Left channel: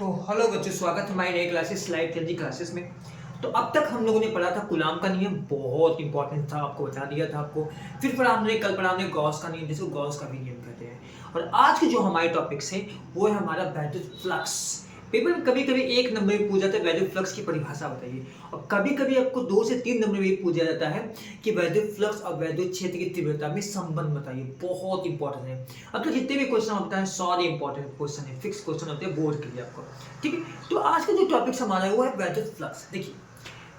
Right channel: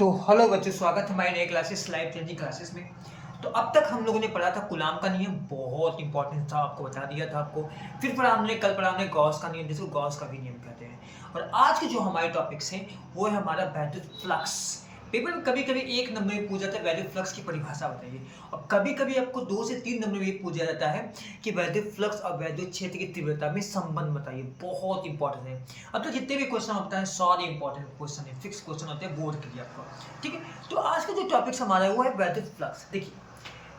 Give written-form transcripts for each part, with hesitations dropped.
तो हेलो बच्चों, स्वागत है हमारी नई क्लासेस लाइव चेंजिंग क्लासेस में। तो अब तक हम लोगों ने पढ़ा था कूलाम का नियम, बहुत इंपॉर्टेंट था, आपको बता दिया था आपको। फिर कल पढ़ा हमने गॉस का नियम, जिसको गॉस का भी नियम कहते हैं। और आज के जो हमारे टॉपिक्स हैं वो है हमारा वैद्युत फ्लक्स। पेपर में कभी कभी एक नंबर में पूछा जाता है वैद्युत फ्लक्स की परिभाषा बताइए, और कभी कभी आपको 2 से 3 नंबर में पूछा जाता है कि वैद्युत फ्लक्स और वैद्युत क्षेत्र की तीव्रता में संबंध बताइए। बहुत इंपॉर्टेंट है। अब तो जितने भी क्वेश्चन हम बताएं सारे इंपॉर्टेंट क्वेश्चन है, फिक्स क्वेश्चन होते हैं बोर्ड के लिए आपको। ठीक है, तो आज का जो टॉपिक हमारा है वो है वैद्युत फ्लक्स। देखिए,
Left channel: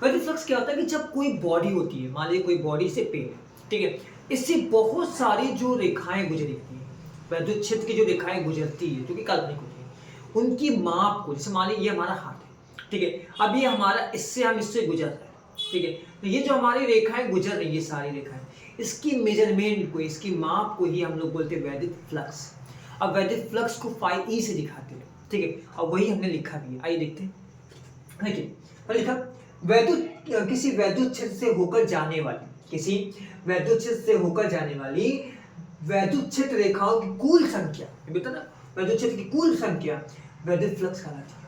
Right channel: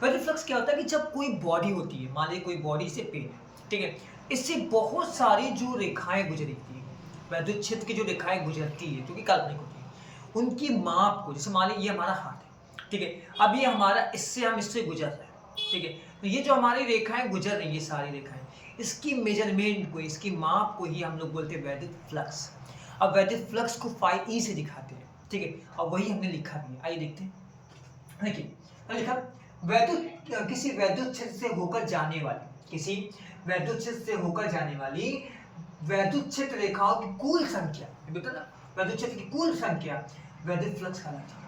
वैद्युत फ्लक्स क्या होता है कि जब कोई बॉडी होती है, मान लीजिए कोई बॉडी से पेन है, ठीक है, इससे बहुत सारी जो रेखाएं गुजरती हैं, वैद्युत क्षेत्र की जो रेखाएं गुजरती है जो कि काल्पनिक होती है, उनकी माप को, जैसे मान लीजिए ये हमारा हाथ है, ठीक है, अब ये हमारा इससे गुजर रहा है, ठीक है, तो ये जो हमारी रेखाएं गुजर रही है, ये सारी रेखाएं, इसकी मेजरमेंट को, इसकी माप को ही हम लोग बोलते हैं वैद्युत फ्लक्स। अब वैद्युत फ्लक्स को फाई ई से दिखाते हैं, ठीक है, अब वही हमने लिखा भी है, आइए देखते हैं। देखिए, तो लिखा किसी वैद्युत क्षेत्र से होकर जाने वाली, किसी वैद्युत क्षेत्र से होकर जाने वाली वैद्युत क्षेत्र रेखाओं की कुल संख्या, बता ना, वैद्युत क्षेत्र की कुल संख्या वैद्युत फ्लक्स कहलाती है।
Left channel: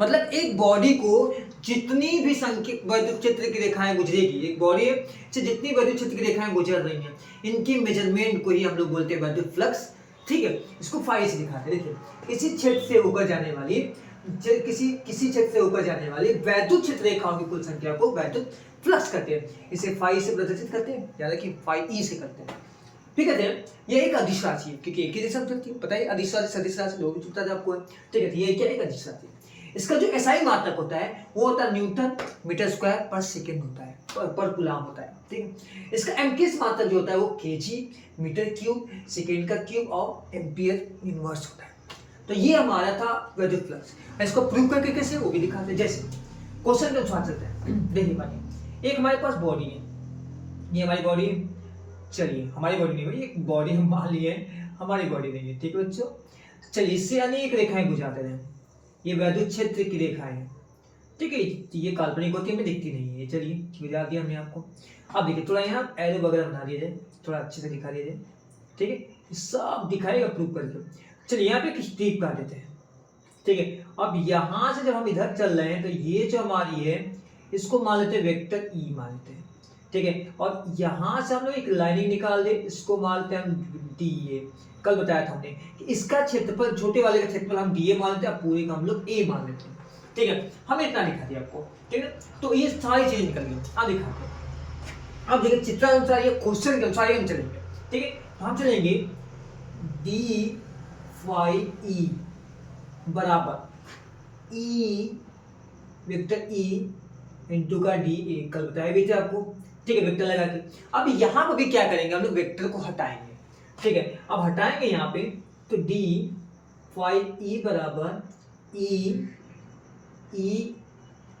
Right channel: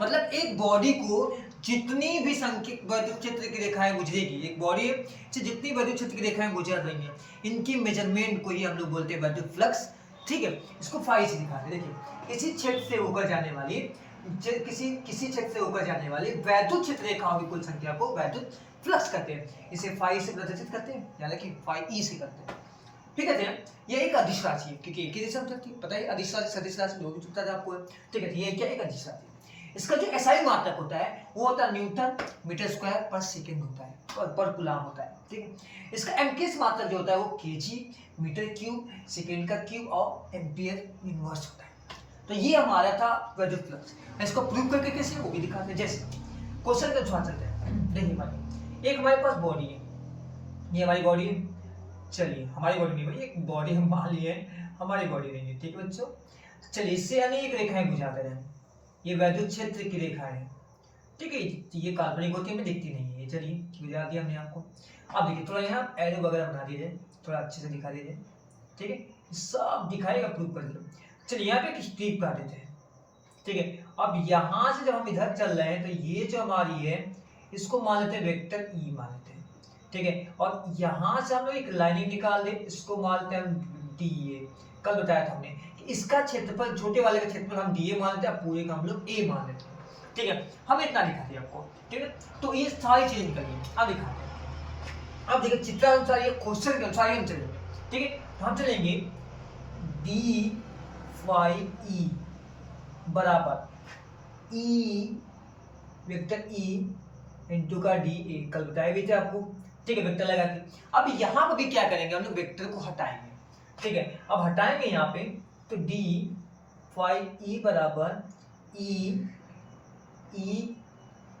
मतलब एक बॉडी को जितनी भी संख्या वैद्युत क्षेत्र की रेखाएं गुजरेगी, एक बॉडी से जितनी वैद्युत क्षेत्र की रेखाएं गुजर रही हैं, इनकी मेजरमेंट को ही हम लोग बोलते हैं वैद्युत फ्लक्स। ठीक है, इसको फाई से दिखाते हैं। देखिए, इसी क्षेत्र से होकर जाने वाली किसी क्षेत्र से होकर जाने वाली वैद्युत क्षेत्र रेखाओं की कुल संख्या को वैद्युत फ्लक्स कहते हैं। इसे फाई से प्रदर्शित करते हैं, यानी कि फाई ई से करते हैं। ठीक है, ये एक अदिश राशि है, क्योंकि एक ही दिशा में चलती है, पता है, अदिश राशि सदिश राशि दो भी पता है आपको। ठीक है, ये क्या, एक अदिश राशि है। इसका जो एसआई मात्रक होता है वो होता है न्यूटन मीटर स्क्वायर पर सेकेंड होता है, पर कूलाम होता है। ठीक है, इसका एमकेएस मात्रक जो होता है वो केजी मीटर क्यूब सेकेंड का क्यूब और एम्पियर इनवर्स होता है। तो ये हमारा था वैद्युत फ्लक्स। इसको प्रूव करके कैसे, वो भी दिखाते हैं। जैसे क्वेश्चन के अनुसार चलते हैं। देखिए भाई, एक हमारे पास बॉडी है, ये हमारी बॉडी है। चलिए, हमारी बॉडी नहीं भाई, एक बॉडी हम मान लिए हमारी बॉडी नहीं है। ठीक है बच्चों, चलिए, इससे अनेक रेखाएं गुजरते हैं, ये वैद्युत क्षेत्र की रेखा है। ठीक है, ये काल्पनिक होती है, हमें दिखती नहीं है। चलिए, बुझा दिया हमने आपको। अब देखिए, थोड़ा यहाँ एरो वगैरह बना दिया जाए, थोड़ा अच्छे से दिखा दिया जाए। ठीक है, सब दिखाएगा प्रूव करके। चलिए, यहाँ पे एक स्ट्रीप का देते हैं। ठीक है, अब यहाँ से जब हम इधर चल रहे हैं तो ये जो हमारी है इसको मान लेते हैं वेक्टर ई मान लेते हैं। ठीक है, और यहाँ से हम लोग एक लाइनिंग निकाल दे, इसको मान लेते हैं हम डी ए। कल बताया था हमने कि इसका क्षेत्रफल, छोटे वाले का क्षेत्रफल हम डी ए मान लेते हैं, पूरे का हम लोग ए मान लेते हैं। ठीक है, हमने इतना दिखा दिया आपको। ठीक है, तो ये सारी चीजें निकल गई। अब दिखाते हैं। अब देखिए, चित्रानुसार ये क्वेश्चन के अनुसार हम चलेंगे। ठीक है, तो हम चलेंगे डी फाई ई बराबर ई वेक्टर ई इंटू का डी ए, कल बताया भी थे आपको। ठीक है, वेक्टर लगा के अब यहाँ पर भी क्या करेंगे, हम लोग वेक्टर को हटाएंगे। ठीक है, अब हटाएंगे यहाँ पे, तो डी फाई ई बराबर E E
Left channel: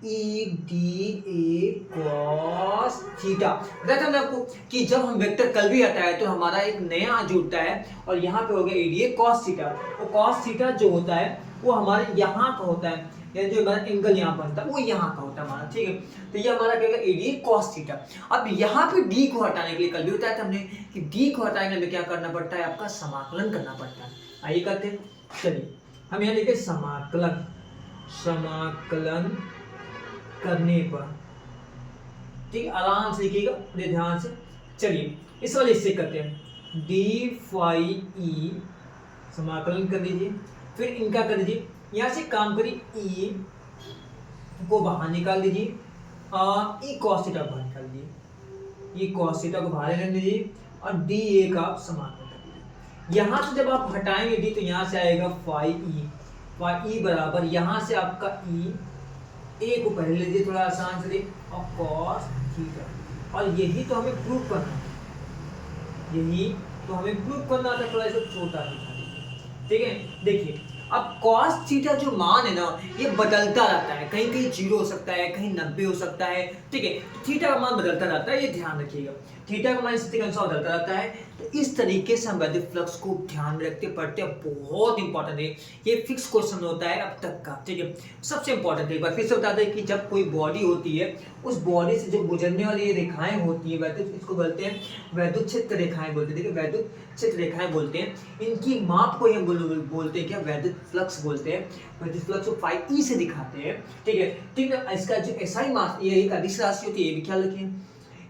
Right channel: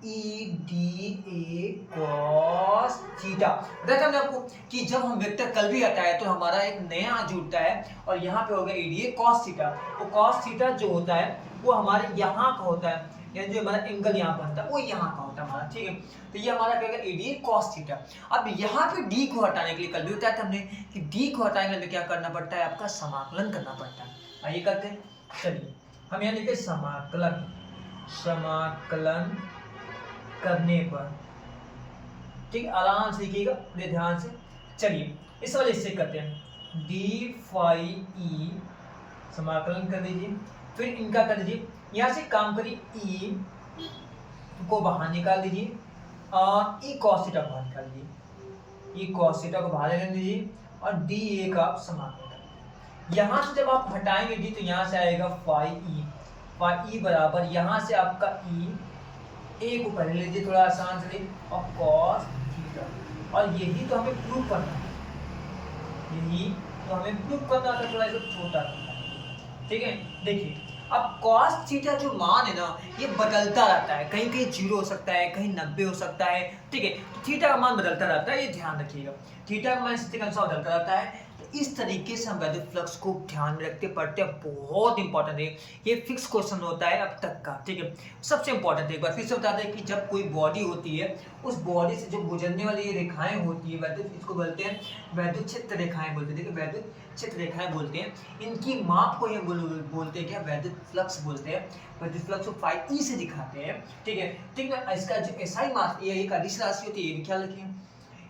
E D A cos theta. बताया था हमने आपको कि जब हम वेक्टर कल भी हटाए तो हमारा एक नया जुड़ता है, और यहाँ पे हो गया ई डी ए कॉस थीटा। वो कॉस थीटा जो होता है वो हमारे यहाँ का होता है, यानी जो हमारा एंगल यहाँ बनता है वो यहाँ का होता है हमारा। ठीक है, तो ये हमारा क्या होगा, ए डी कॉस थीटा। अब यहाँ पे डी को हटाने के लिए कल भी बताया था हमने कि डी को हटाने के लिए क्या करना पड़ता है, आपका समाकलन करना पड़ता है। आइए करते हैं। चलिए, हम यहाँ लिखते समाकलन, समाकलन करने पर, ठीक है, आराम से लिखिएगा, बड़े ध्यान से। चलिए, इस वाले इससे करते हैं, डी फाई ई समाकलन कर दीजिए, फिर इनका कर दीजिए, यहाँ से काम करिए, ई को बाहर निकाल दीजिए और ई कॉस थीटा को बाहर निकाल दीजिए, ई कॉस थीटा को बाहर निकाल दीजिए और डी ए का आप समाकलन कर दीजिए। यहाँ से जब आप हटाएंगे डी तो यहाँ से आएगा फाई ई बराबर, यहाँ से आपका ई, ए को पहले लीजिए थोड़ा आसान से, और कॉस थीटा। और यही तो हमें प्रूव करना है, यही तो हमें प्रूव करना था, थोड़ा इसको छोटा दिखा दीजिए। ठीक है, देखिए, अब cos थीटा जो मान है ना, ये बदलता रहता है, कहीं कहीं 0 हो सकता है, कहीं 90 हो सकता है। ठीक है, तो थीटा का मान बदलता रहता है, ये ध्यान रखिएगा। थीटा का मान स्थिति के अनुसार बदलता रहता है, तो इस तरीके से हम वैद्युत फ्लक्स को ध्यान में रखते पढ़ते हैं, बहुत इंपॉर्टेंट है ये। फिक्स क्वेश्चन होता है अब तक का, ठीक है। सबसे इंपॉर्टेंट एक बार फिर से बता दें कि जब कोई बॉडी होती है, उस बॉडी से जो गुजरने वाली ये रेखाएं होती है वैद्युत, इसको बोलते हैं वैद्युत क्षेत्र रेखाएं बोलते हैं, ठीक है, वैद्युत क्षेत्र रेखाएं बोलते हैं। इनकी माप को हम बोलते हैं क्या, वैद्युत फ्लक्स बोलते हैं। वैद्युत फ्लक्स को फाई ई से दिखाते हैं, ठीक है। ठीक है, इसका जो एसआई मास, ये एक अदिश राशि होती है, ये भी ख्याल रखिए।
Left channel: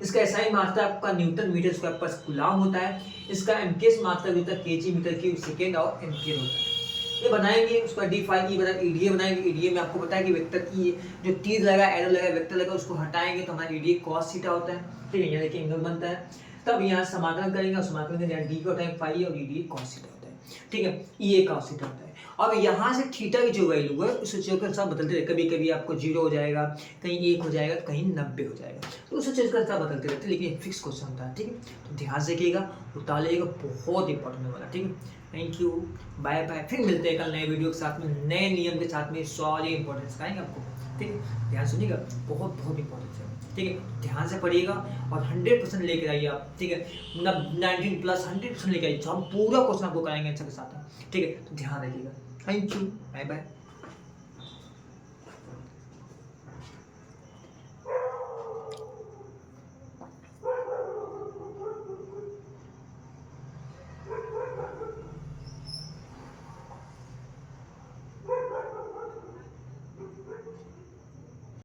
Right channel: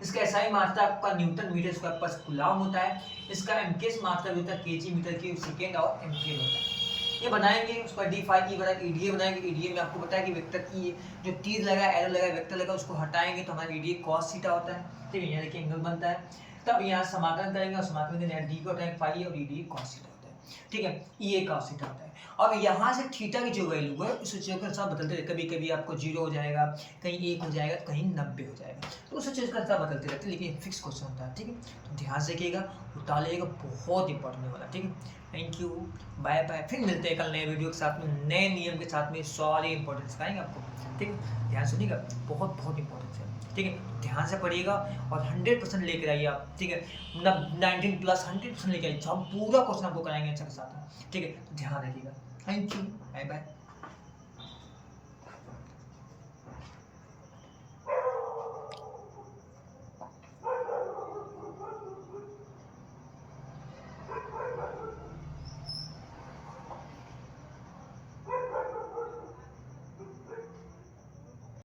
इसका एसआई मात्रा आपका न्यूटन मीटर स्क्वायर पर कूलाम होता है। इसका एमकेएस मात्रा होता है केजी मीटर की सेकेंड और एम्पियर होता है। ये बनाएंगे, उसका डी फाई ई बनाएंगे, ईडीए बनाएंगे। ईडीए में आपको पता है कि वेक्टर ई जो तीर लगा, एरो लगा, वेक्टर लगा, उसको हटाएंगे तो हमारा ईडीए कॉस थीटा होता है, ठीक है। ये देखिए एंगल बनता है। तब यहाँ समाकलन करेंगे और समाकलन करेंगे, डी को उठाएंगे फाई और ईडीए कॉस थीटा होता है, ठीक है। ये कॉस थीटा होता है। अब यहाँ से थीटा की जो वैल्यू है उस चीज़ के साथ बदलते रहते, कभी कभी आपको 0 हो जाएगा, कहीं 1 हो जाएगा, तो कहीं 90 हो जाएगा, तो उस चीज़ के साथ बदलते रहते, लेकिन फिक्स क्वेश्चन होता है, ठीक है। तो ध्यान से रखिएगा, उतारिएगा, बहुत इंपॉर्टेंट वाला, ठीक है। Thank you, bye bye. फिर मिलते हैं कल नए वीडियो के साथ में, नए नियम के साथ में, सारे इंपॉर्टेंट सिखाएंगे आपको, ठीक है। ध्यान सुनिएगा, बहुत बहुत इंपॉर्टेंट है, ठीक है। ध्यान से पढ़िएगा और 100% लेकर आइए आप, ठीक है। 19 प्लस 100% लेकर आइए, हम पूरा क्वेश्चन आपको कराएंगे अच्छा के साथ, ठीक है। तो ध्यान रखिएगा। Thank you, bye bye.